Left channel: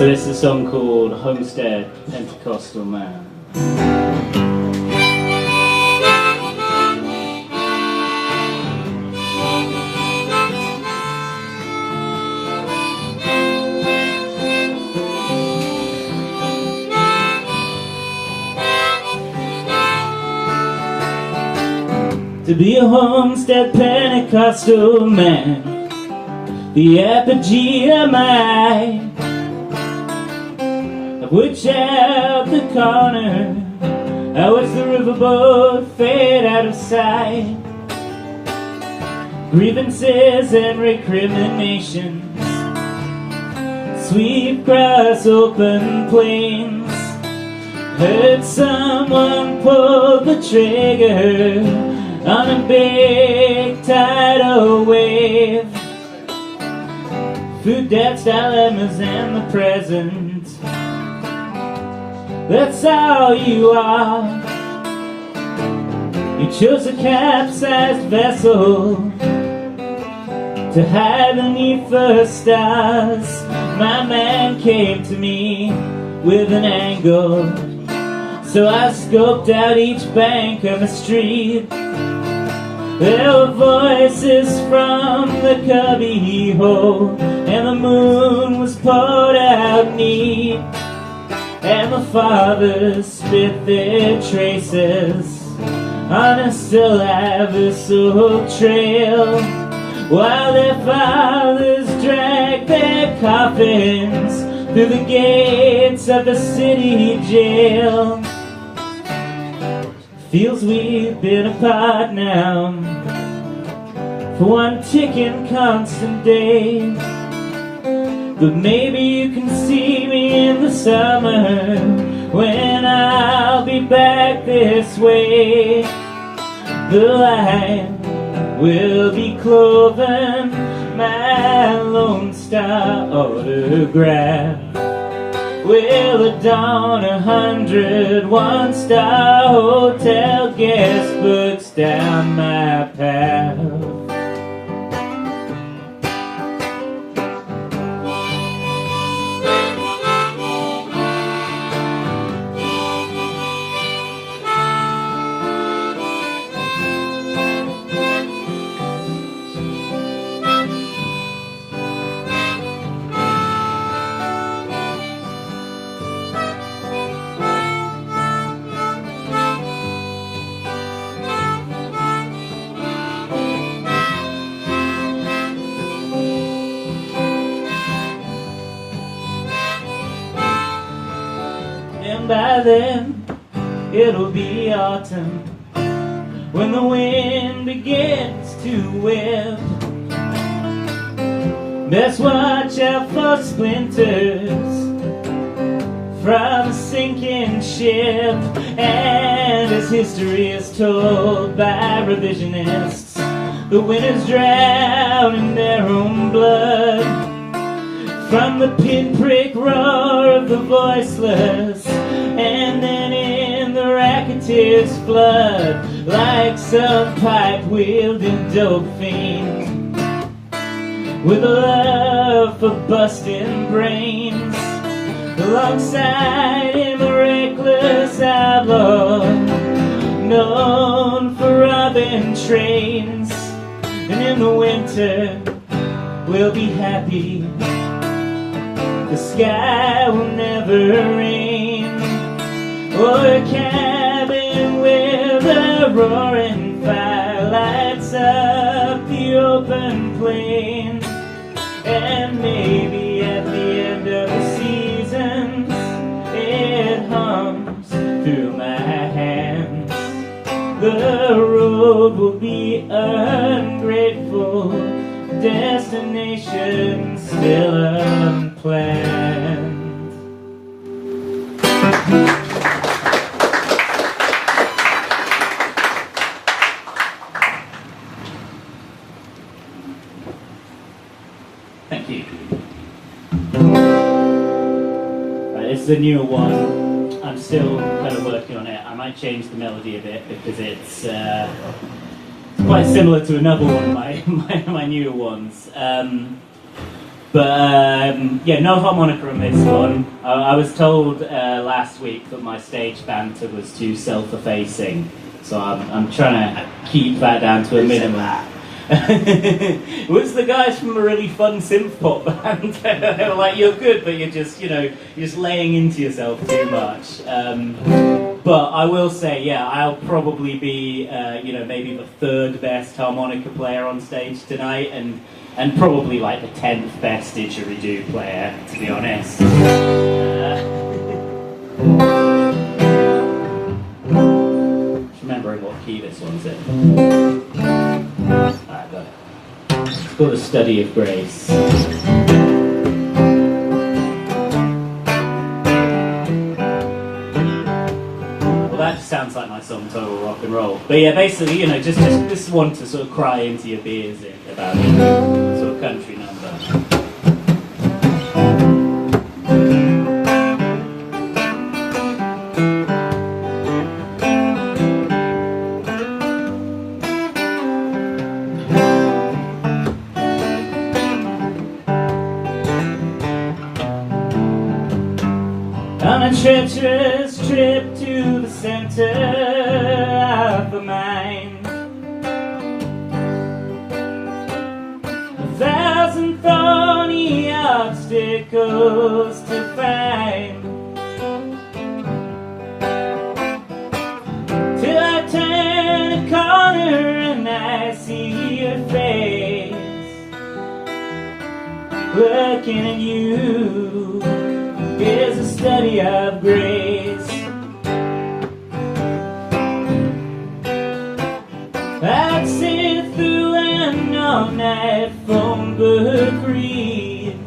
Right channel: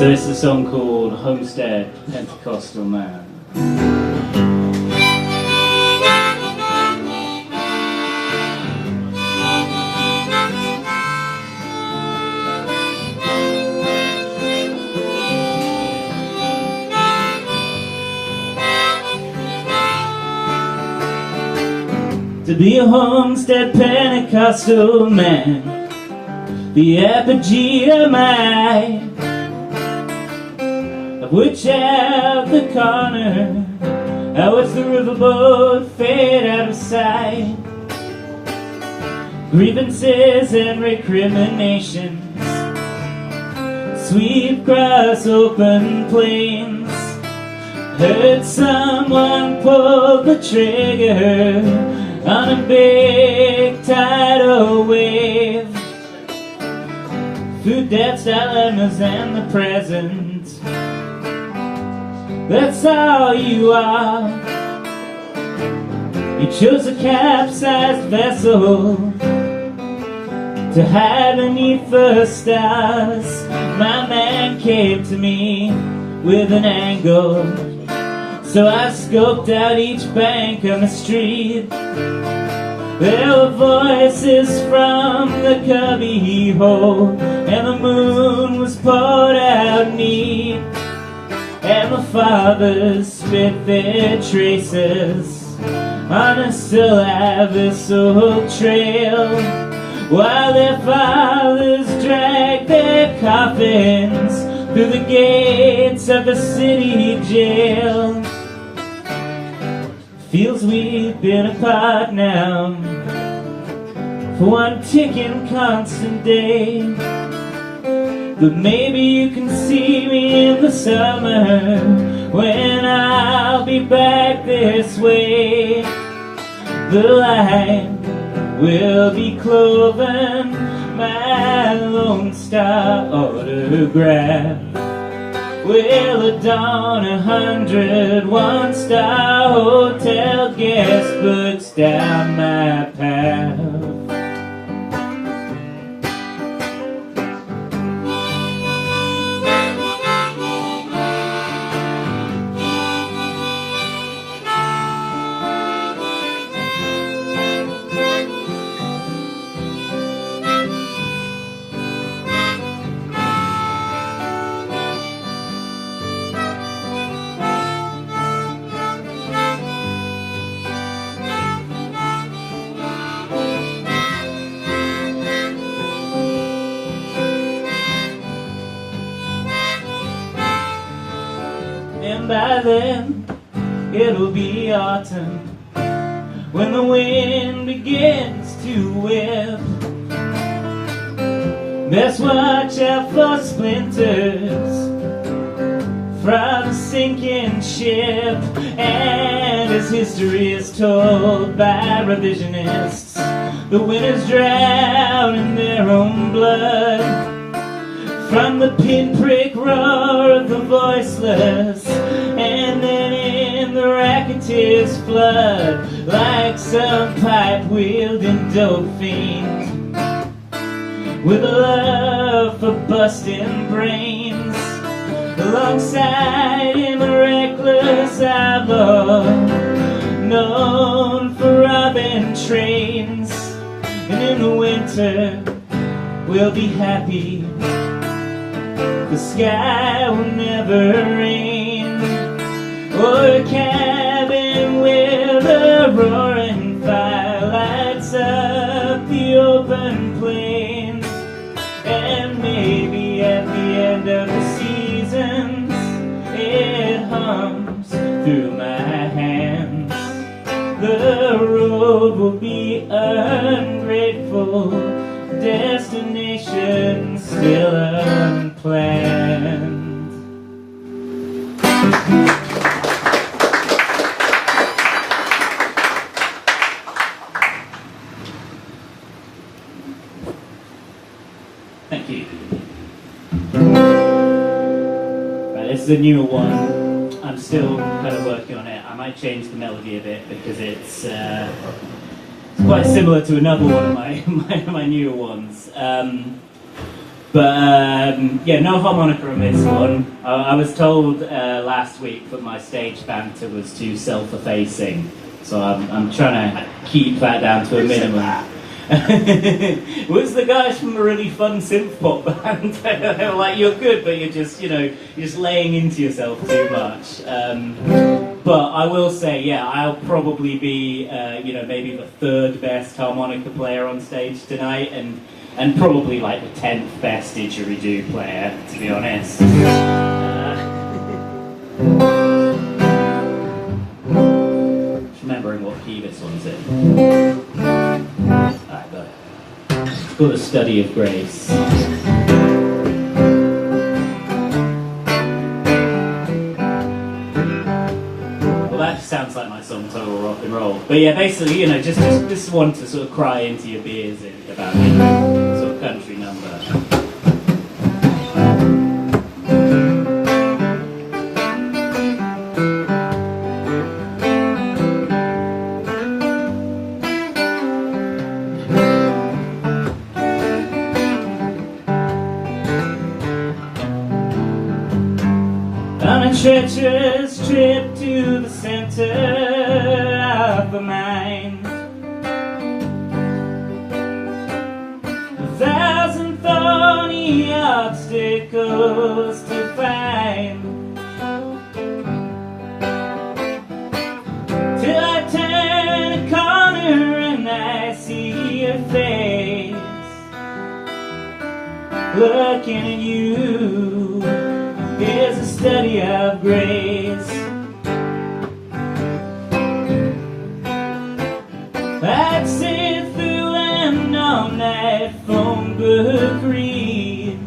So this is a song called Homestead Pentecostal Man. To be a Homestead Pentecostal man, the apogee of mine, of which out the corner I watch the riverboat fade out of sight. Grievances and recriminations sweep across open plains. Heard someone pull the trigger on a big tidal wave. Food deaths, dilemmas, and the present. That's all you are. You chose a capsized vessel to hide beneath the stars. My man came to me with an angle, so I scoped out each bank of the street. There were voices from the cubby hole, and the moon was poured out neat. And the fathers spit their traces on a still abyssal trail, while their fathers dragged their coffins through the gates of the city jail. Feels we've been apart now for one ticking constant day. But maybe you can see me in the summer when I'll be back this way. The line will be cloven, my Lone Star autograph will adorn 100 one-star hotel guest books down my path. And by then, it'll be autumn, when the wind begins to whip. Best watch out for splinters from a sinking ship. And as history is told by revisionists, the winners drown in their own blood. From the pinprick roar of the voiceless, and then in the racketeer's flood, like some pipe-wielding dope fiend with a love for busting brains. Alongside him a reckless outlaw, known for robbing trains. And in the winter we'll be happy, the sky will never rain. Or a cabin with a roaring fire lights up the open plain. And maybe at the end of the seasons it hums through my hands. The road will be ungrateful, destination still unplanned. Thank you. Right, this is a newer one. I'm still kind of working on it. I might change the melody a bit because it's quite similar to another one of my newer ones. Yeah, no harmonica on this one. I was told last week that my stage banter was too self-effacing, so I'm trying to keep that down to a minimum. It was the guys from a really fun synth pop band. They were like, "You're good, but you're just laying into yourself too much." But I will say, yeah, I'll probably be, maybe the third best harmonica player on stage tonight, and probably like the 10th best didgeridoo player, to be honest. Just remembering what key this one's in. It's called A Study of Grace. Well, that sounds like my song Total Rock and Roll. But yeah, basically, just this one to sort of cry into your beers in about sort of country number. On a treacherous trip to the center of the mind, 1,000 thorny obstacles to find, till I turn a corner and I see your face looking at you. Is a study of grace. I'd sit through an all-night phone book read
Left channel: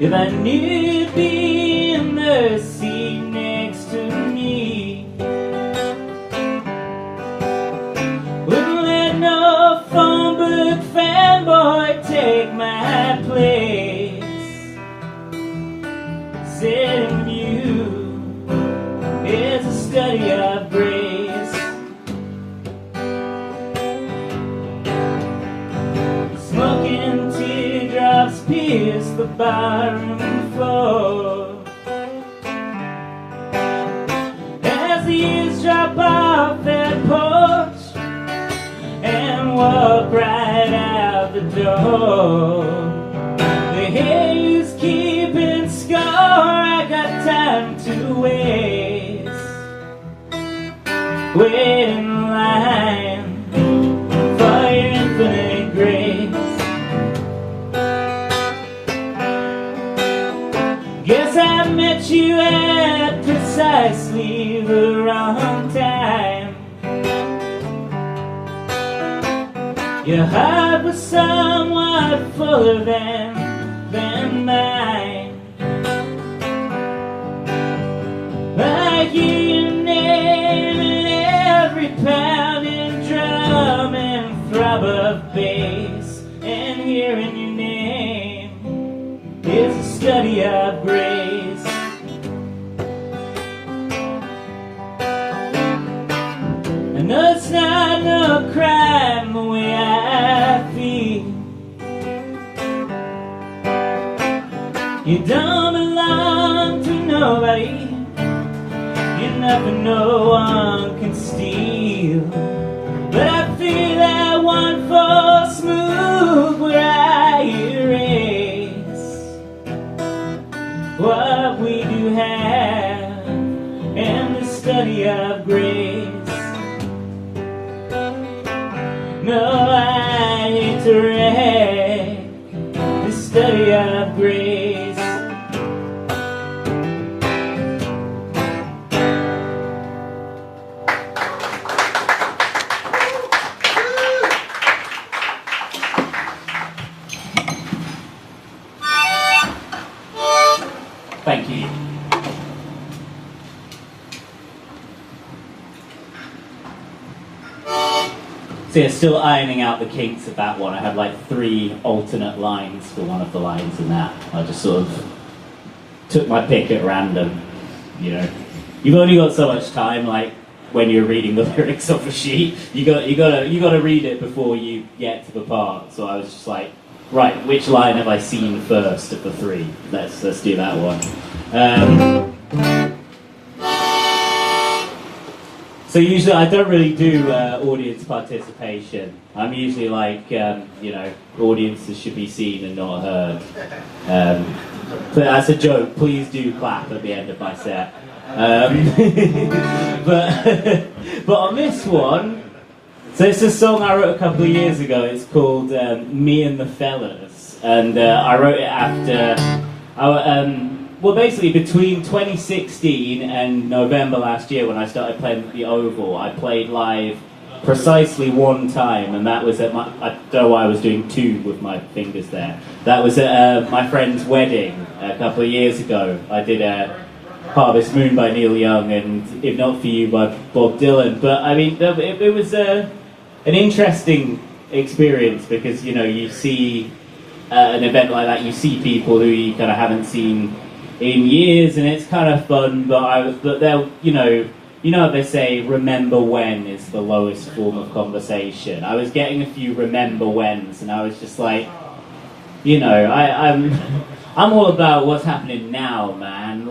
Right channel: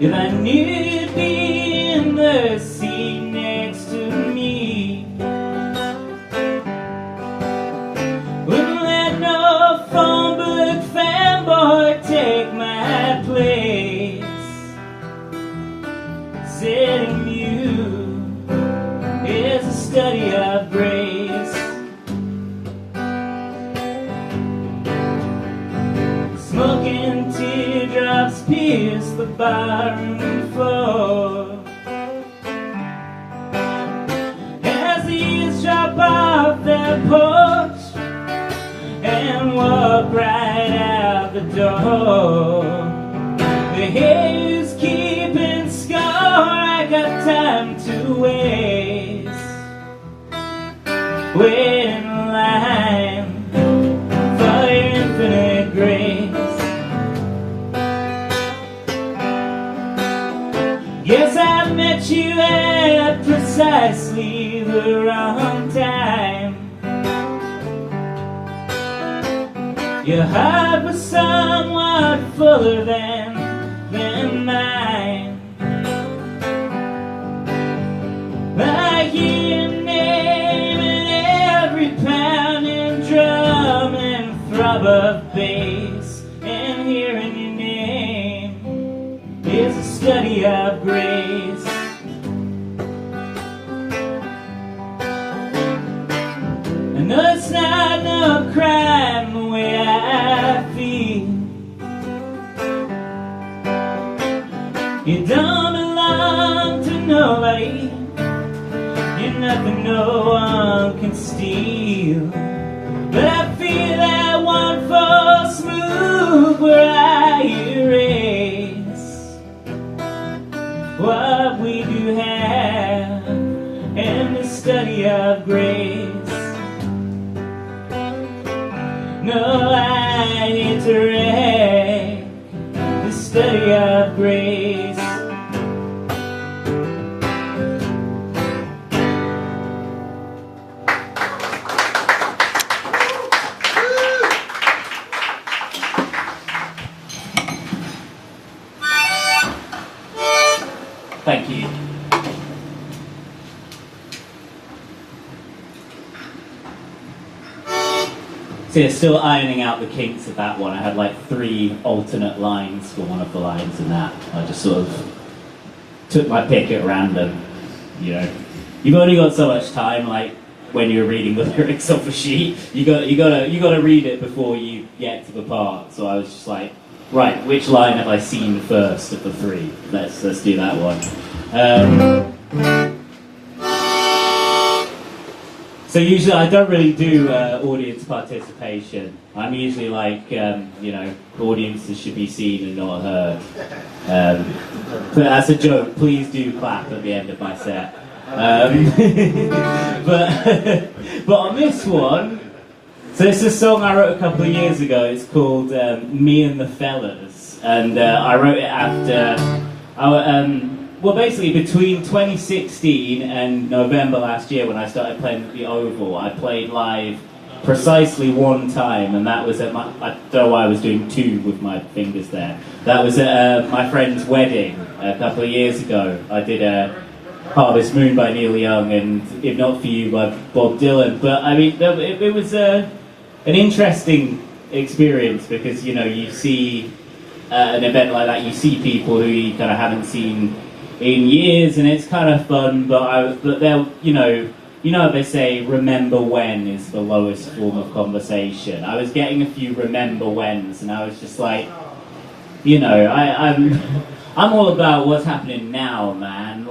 if I knew you'd be in the seat next to me. Wouldn't let no phone book fanboy take my place. Sitting with you is a study of grace. Smoking teardrops pierce the barroom floor as the years drop off their porch and walk right out the door. The hair's keeping score, I got time to waste. Wait in line for your infinite grace. Guess I met you at precisely the wrong time. Your heart was somewhat fuller than mine. I hear your name in every pounding drum and throb of bass, and hearing your name is a study of grace. I know it's not no crime the way I feel. You don't belong to nobody, you're nothing no one can steal. But I feel that one false move where I erase what we do have in the study of grace. No, I hate to wreck the study of grace. Thank you. So yeah, still ironing out the kinks of that one. I had like 3 alternate lines for one of the lines in that. I just sort of took my pick at random. You've only got so much time. Like, when you're reading the lyrics off a sheet. You gotta read it before you get to the part. So I was just like, right, which line have I seen first of the three? Let's do that one. So usually I don't really do audience participation. I'm usually like, audiences should be seen and not heard. But as a joke, please do clap at the end of my set. But on this one, so it's a song I wrote a couple of years ago. It's called Me and the Fellas, and I wrote it after basically between 2016 and November last year, when I started playing at the Oval. I played live precisely one time, and that was at I don't know why I was doing two with my fingers there. That was at my friend's wedding a couple of years ago. I did Harvest Moon by Neil Young and If Not For You by Bob Dylan. But I mean, it was an interesting experience, because you see an event like that, you see people who you kind of haven't seen in years, and it's kind of fun. But they'll what they say, remember when is the lowest form of conversation. I was getting a few remember whens, and I was just like, I'm all about what's happening now, man.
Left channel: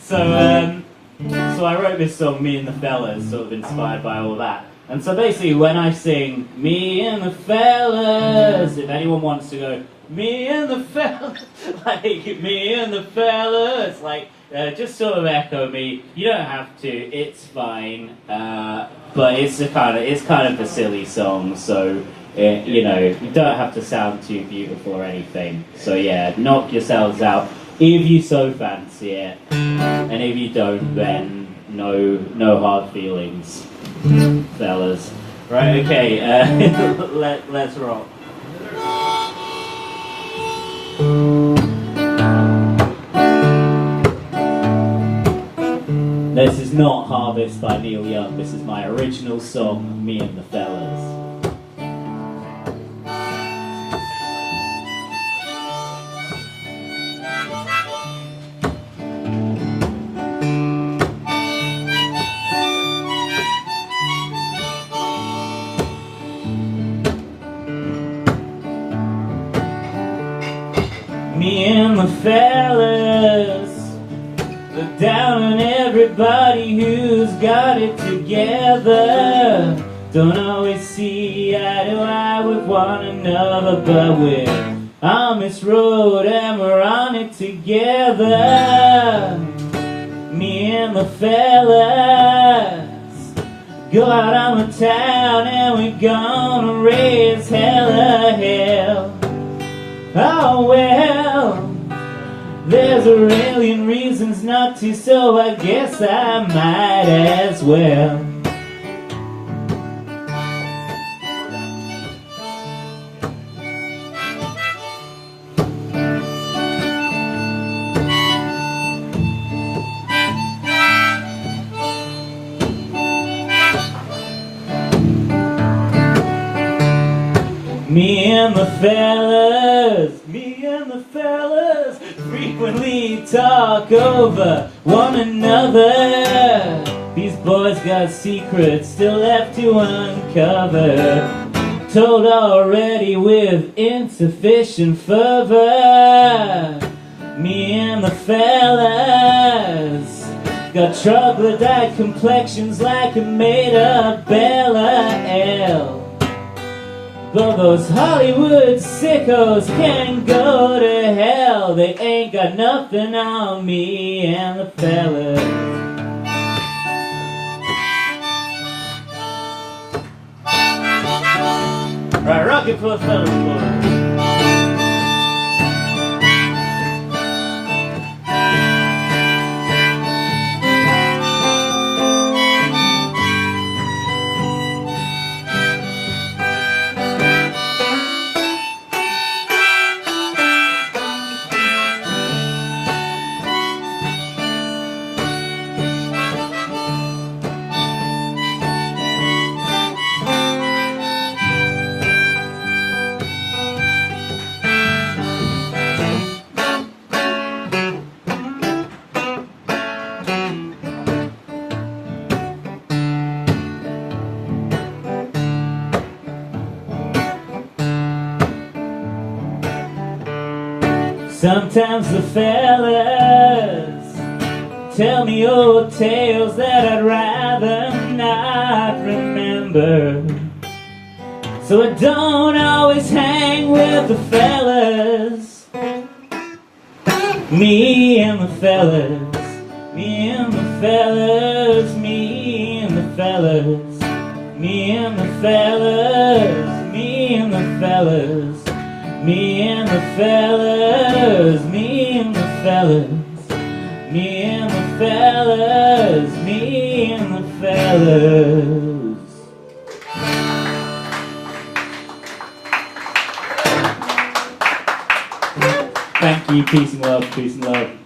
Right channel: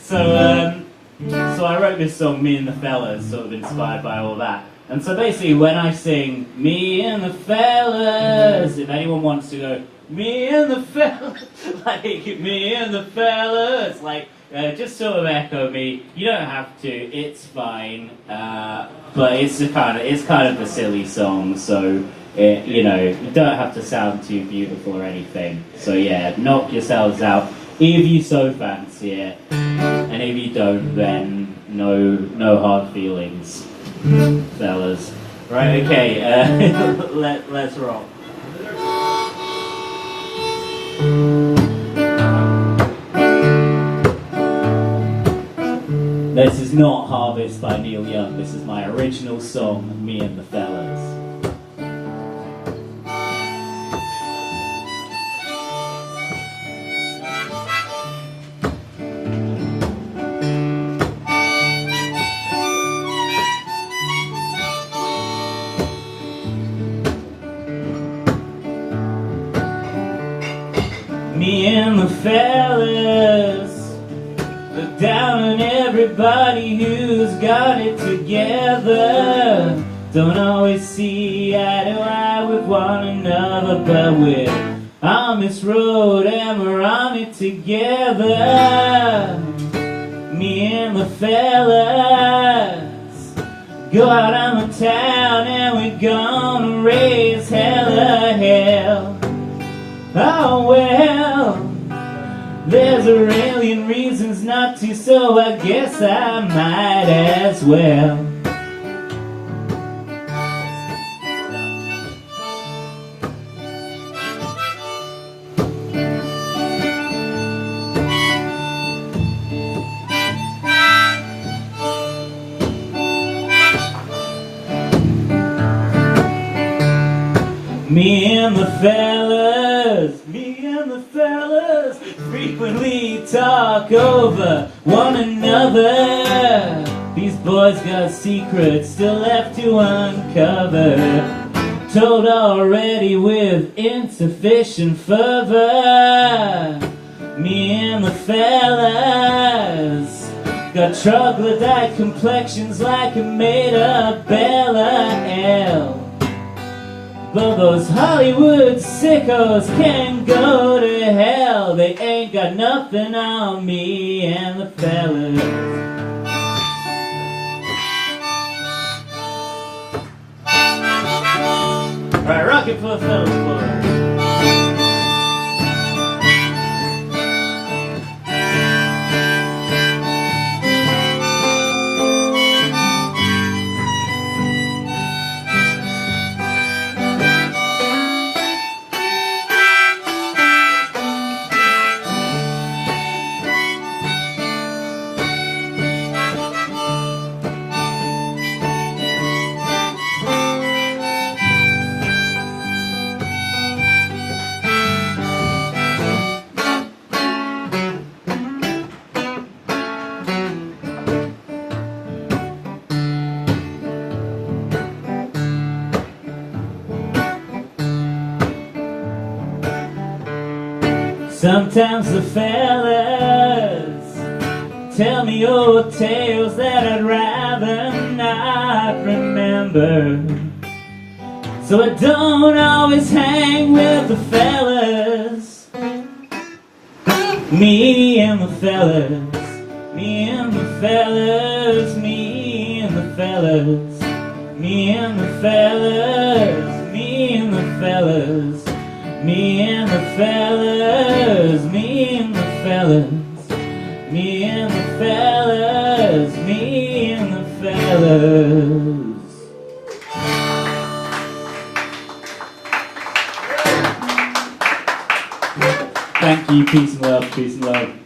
So I wrote this song, Me and the Fellas, sort of inspired by all that. And so basically, when I sing Me and the Fellas, if anyone wants to go, Me and the Fellas, like Me and the Fellas, just sort of echo me. You don't have to; it's fine. But it's kind of a silly song, so. You don't have to sound too beautiful or anything. So yeah, knock yourselves out if you so fancy it, and if you don't, then no hard feelings, fellas. Right? Okay. Let's rock. This is not Harvest by Neil Young. This is my original song, Me and the Fellas. Me and the fellas look down on everybody who's got it together. Don't always see eye to eye with one another, but we're on this road and we're on it together. Me and the fellas go out on the town and we're gonna raise hella hell. Oh well, there's a million reasons not to, so I guess I might as well. Me and the fellas frequently talk over one another. These boys got secrets still left to uncover, told already with insufficient fervor. Me and the fellas got troglodyte complexions like a made-up Bella L. But those Hollywood sickos can go to hell. They ain't got nothing on me and the fellas. Alright, rock it for the fellas, boys. Sometimes the fellas tell me old tales that I'd rather not remember. So I don't always hang with the fellas. Me and the fellas, me and the fellas, me and the fellas, me and the fellas, me and the fellas, me and the fellas, me and the fellas, me and the fellas, me and the fellas. Thank you, peace and love, peace and love.